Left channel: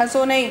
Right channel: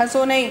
हंसो नहीं।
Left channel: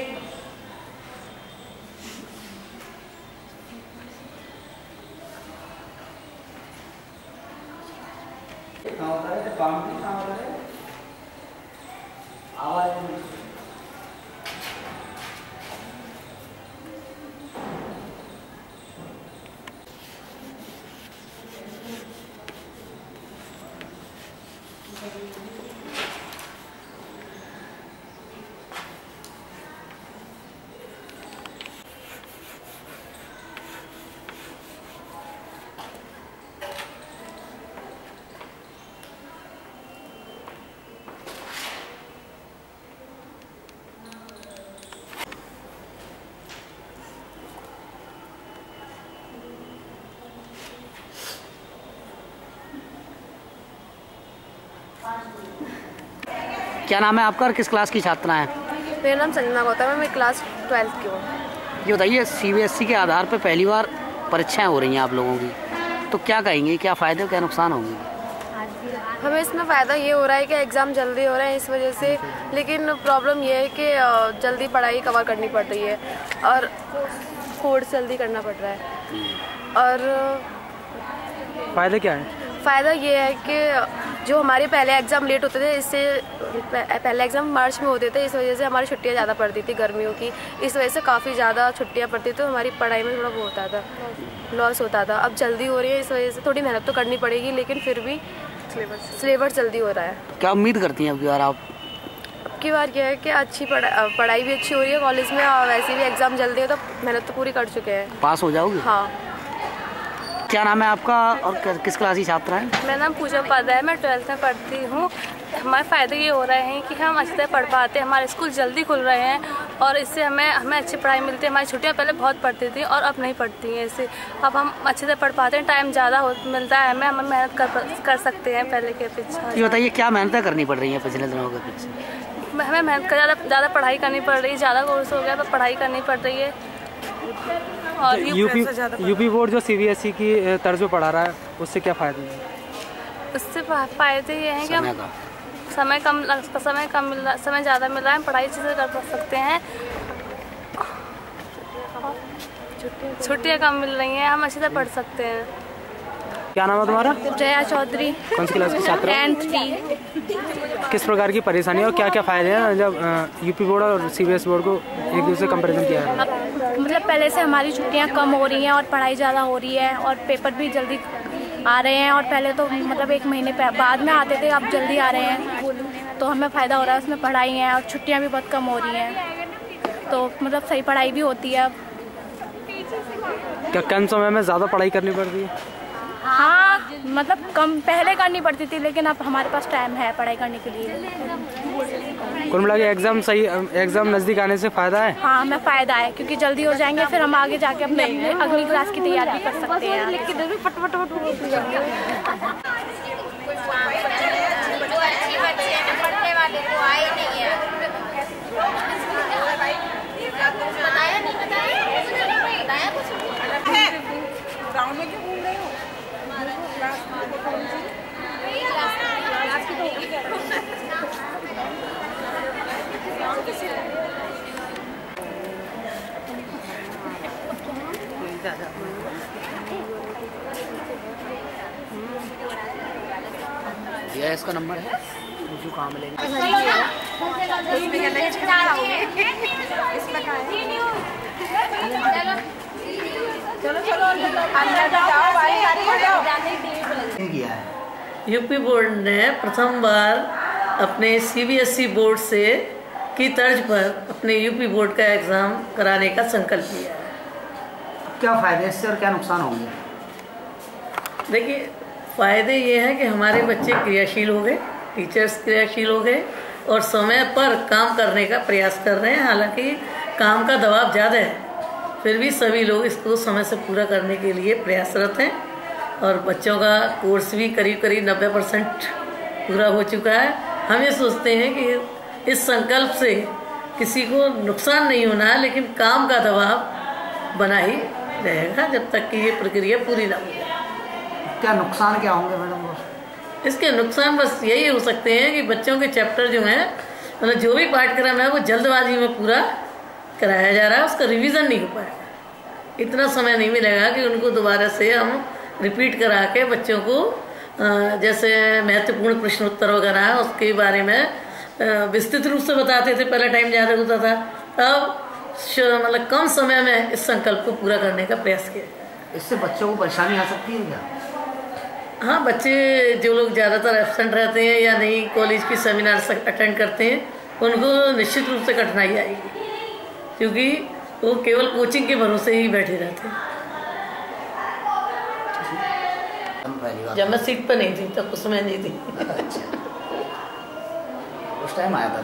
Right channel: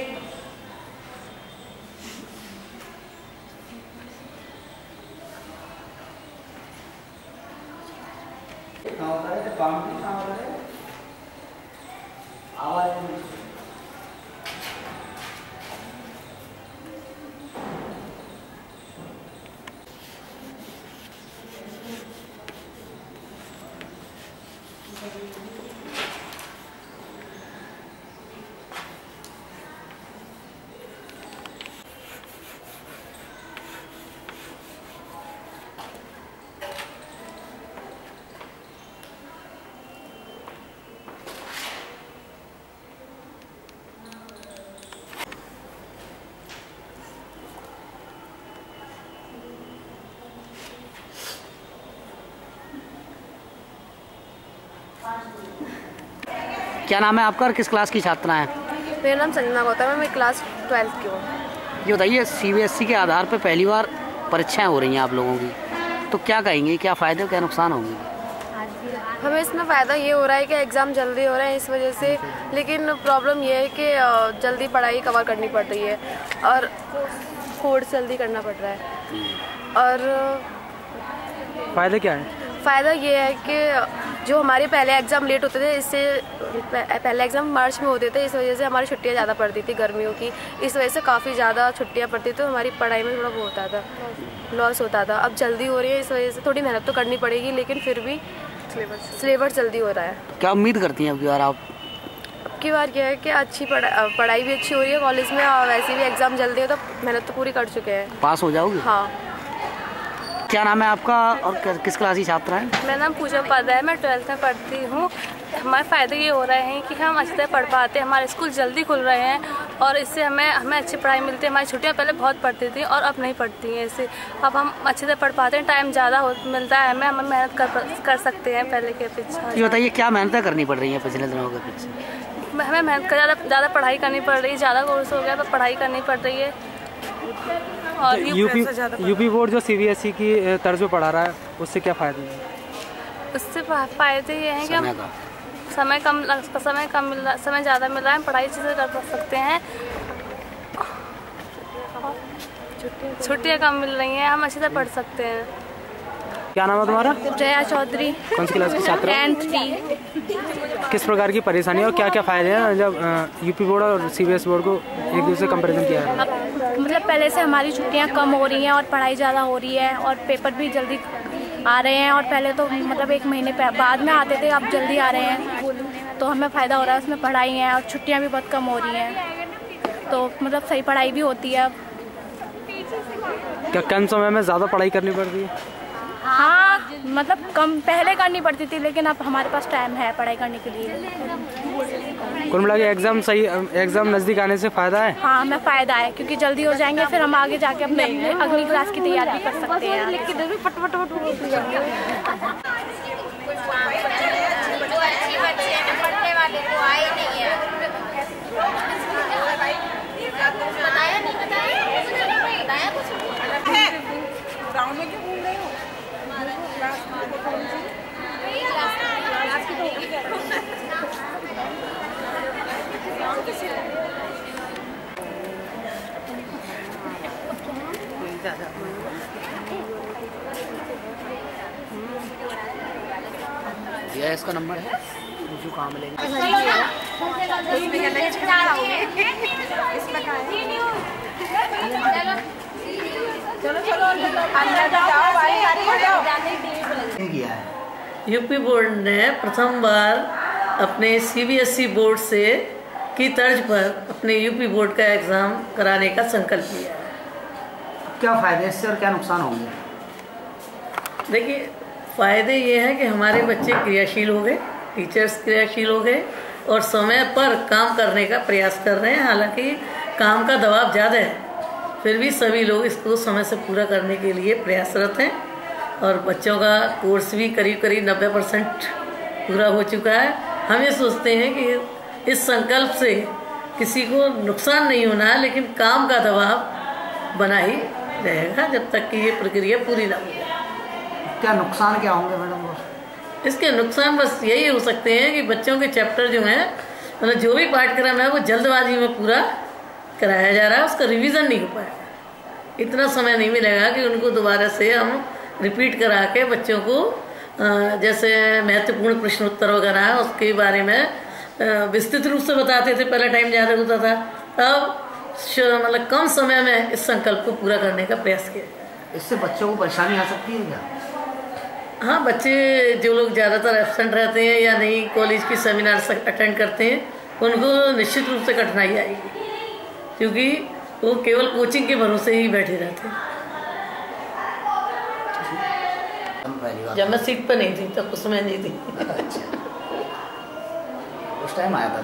क्या नाम है आपका और किस क्लास की छात्रा हैं? मेरा नाम संजना गौतम है, मैं क्लास 12th की हूँ। ये बताइए, सीबीएसई के आधार पर पहली बार परीक्षाएं हो रही हैं आप लोगों की, तो क्या कहेंगे, क्या फ़ायदे और क्या नुकसान होंगे? हमें इसमें फ़ायदा ये हो रहा है कि एग्ज़ाम जल्दी हो रहे हैं इस वजह से, लेकिन प्रॉब्लम ये है कि जल्दी पढ़ाई कवर करनी पड़ रही है और कोर्स जल्दी करना पड़ रहा है। और फ़ायदा क्या है? फ़ायदा ये है कि जो हमारे पहले एग्ज़ाम लेट होते थे, इससे पहले एग्ज़ाम मार्च में होते थे, इस वजह से हमारी छुट्टियां ज़्यादा पड़ती थी गर्मियों की, इस वजह से काफ़ी ज़्यादा छुट्टियां पड़ती थी, तो हमारी पढ़ाई में थोड़ा वो होता था, लॉस होता था। अब जल्दी हो रही है, इस वजह से थोड़ी मेहनत तो करनी पड़ेगी, लेकिन फिर भी सिलेबस जल्दी हो रहा है। क्या उम्मीद करती हैं अब की बार आप? अब की बार क्या है कि अच्छी पढ़ाई भी अच्छी हो रही है कॉलेज में, और वैसे भी एग्ज़ाम जल्दी हो तो मेहनत तो पूरी कर चुके हैं। पास हो जाओगे? हाँ। क्या नाम है आपका और किस क्लास की छात्रा है? मेरा नाम पूजा उपाध्याय है, मैं 12th में पढ़ती हूँ। हमारे फ़ायदे ये हो रहे हैं कि हम अच्छे से पढ़ पाते हैं, हमारे स्कूल जल्दी खुल रहे हैं और इससे हमें अच्छी पढ़ाई मिलती है। हमारी छुट्टियाँ पहले बहुत पड़ती थी और अब नहीं पड़ती हैं, इससे अब हम अच्छे से पढ़ पाते हैं, टाइम ज़्यादा मिलता है हमें मेहनत कर सकते हैं पहले के पीछे। ये बताइए, क्या मेहनत करनी पड़ रही है पिछले दिनों के पीछे? हमें मेहनत कर ज़्यादा पढ़ाई करनी पड़ रही है, ज़्यादा कोर्स हो गया तो पढ़ाई करनी पड़ रही है। और यूपी बोर्ड जो सीबीएसई की तर्ज पे पढ़ा रहा है, उससे क्या फ़ायदे हैं? उससे फ़ायदे ये हैं कि हम समय ज़्यादा मिल रहा है, पढ़ाई अच्छे से कर सकते हैं, छुट्टियाँ कम मिल रही हैं, हम अच्छे से पढ़ सकते हैं। क्या नाम है तुम्हारा? जया चौधरी। कौन सी क्लास की छात्रा? 10th। किस प्रकार की परेशानी और क्या क्या फ़ायदे हैं जब यूपी बोर्ड और सीबीएसई बोर्ड को एक दूसरे से कंपेरिजन किया है? मतलब पहले से हमारी छुट्टियां कम हो रही हैं और पढ़ाई ज़्यादा हो रही है और पेपर भी जल्दी आ रहे हैं, और पहले तो मतलब 1 महीने बाद में आते थे, अब जल्दी आ रहे हैं, तो हमें फ़ायदा हो रहा है उसमें। पढ़ाई है और छुट्टियां भी बहुत कम हो रही हैं, तो मतलब सही पढ़ाई भी होती है अब। क्या कम समय में ज़्यादा पढ़ाई करनी पड़ती है? हाँ, मतलब कम पहले करनी पड़ती थी, लेकिन अब हमारे पास टाइम है पढ़ाई करने के लिए। कुल मिला के एग्जाम नज़दीक आने से फ़ायदा है? हाँ, हमें फ़ायदा है क्योंकि जल्दी हो जाएंगे, फिर हम आगे जाके अपने अगली क्लास की तैयारी भी कर सकते हैं। यह इसका नंबर है, जो काम मिलेगा। यूपी बोर्ड ने प्रथम बार अपने सीबीएसई बोर्ड से की तर्ज पर अपने यूपी बोर्ड का एग्जाम कराने का संकल्प लिया है। क्या फायदे इससे और क्या नुकसान होंगे? देखिए, फायदे ये हैं कि हमारे बच्चे क्रियाशील हो गए, टीचर्स क्रियाशील हो गए और समय पर काम करने का प्रयास कर रहे हैं। हालांकि काम का दबाव ज़्यादा है, फिर भी सभी लोग इसको समय से पूरा करने के लिए प्रयासरत हैं और बच्चों का कोर्स भी करीब 90% पूरा हो चुका है। हम ये सोचते हैं कि इस संकल्प से किसी को नुकसान नहीं होना है, लेकिन काम का दबाव बना ही रहेगा जब तक कि ये प्रक्रिया पूरी ना हो जाए। क्या नुकसान क्या होंगे मैडम? इसके नुकसान बस यही हो सकते हैं कि बच्चों के चैप्टर जो हैं, मतलब जो भी पाठ्यक्रम है वो जल्दबाजी में पूरा कराया जा रहा है, उसका रिवीजन नहीं हो पाया। इतना समय नहीं मिलेगा कि उनको दोबारा से हम रिपीट करा के बच्चों को जैसे महत्वपूर्ण प्रश्नोत्तर वगैरह है उसके बारे में विस्तृत रूप से बताते थे, पहले टाइम ज़्यादा होता था। अब मतलब कम समय में इस संकल्प को पूरा करने का प्रयास किया। इससे बच्चों को परेशानी आ सकती है क्या? हाँ, बच्चे जो लोग ज़्यादातर एब्सेंट रहते हैं या नहीं कॉलेज की सेमिनार अटेंड करते हैं, उनको निश्चित रूप से कठिनाई आएगी, क्योंकि वो केवल कोचिंग के भरोसे ही बैठे रहते हैं। जब मैं सीट पर नहीं थी तब उसमें नहीं थी। उस टाइम आया था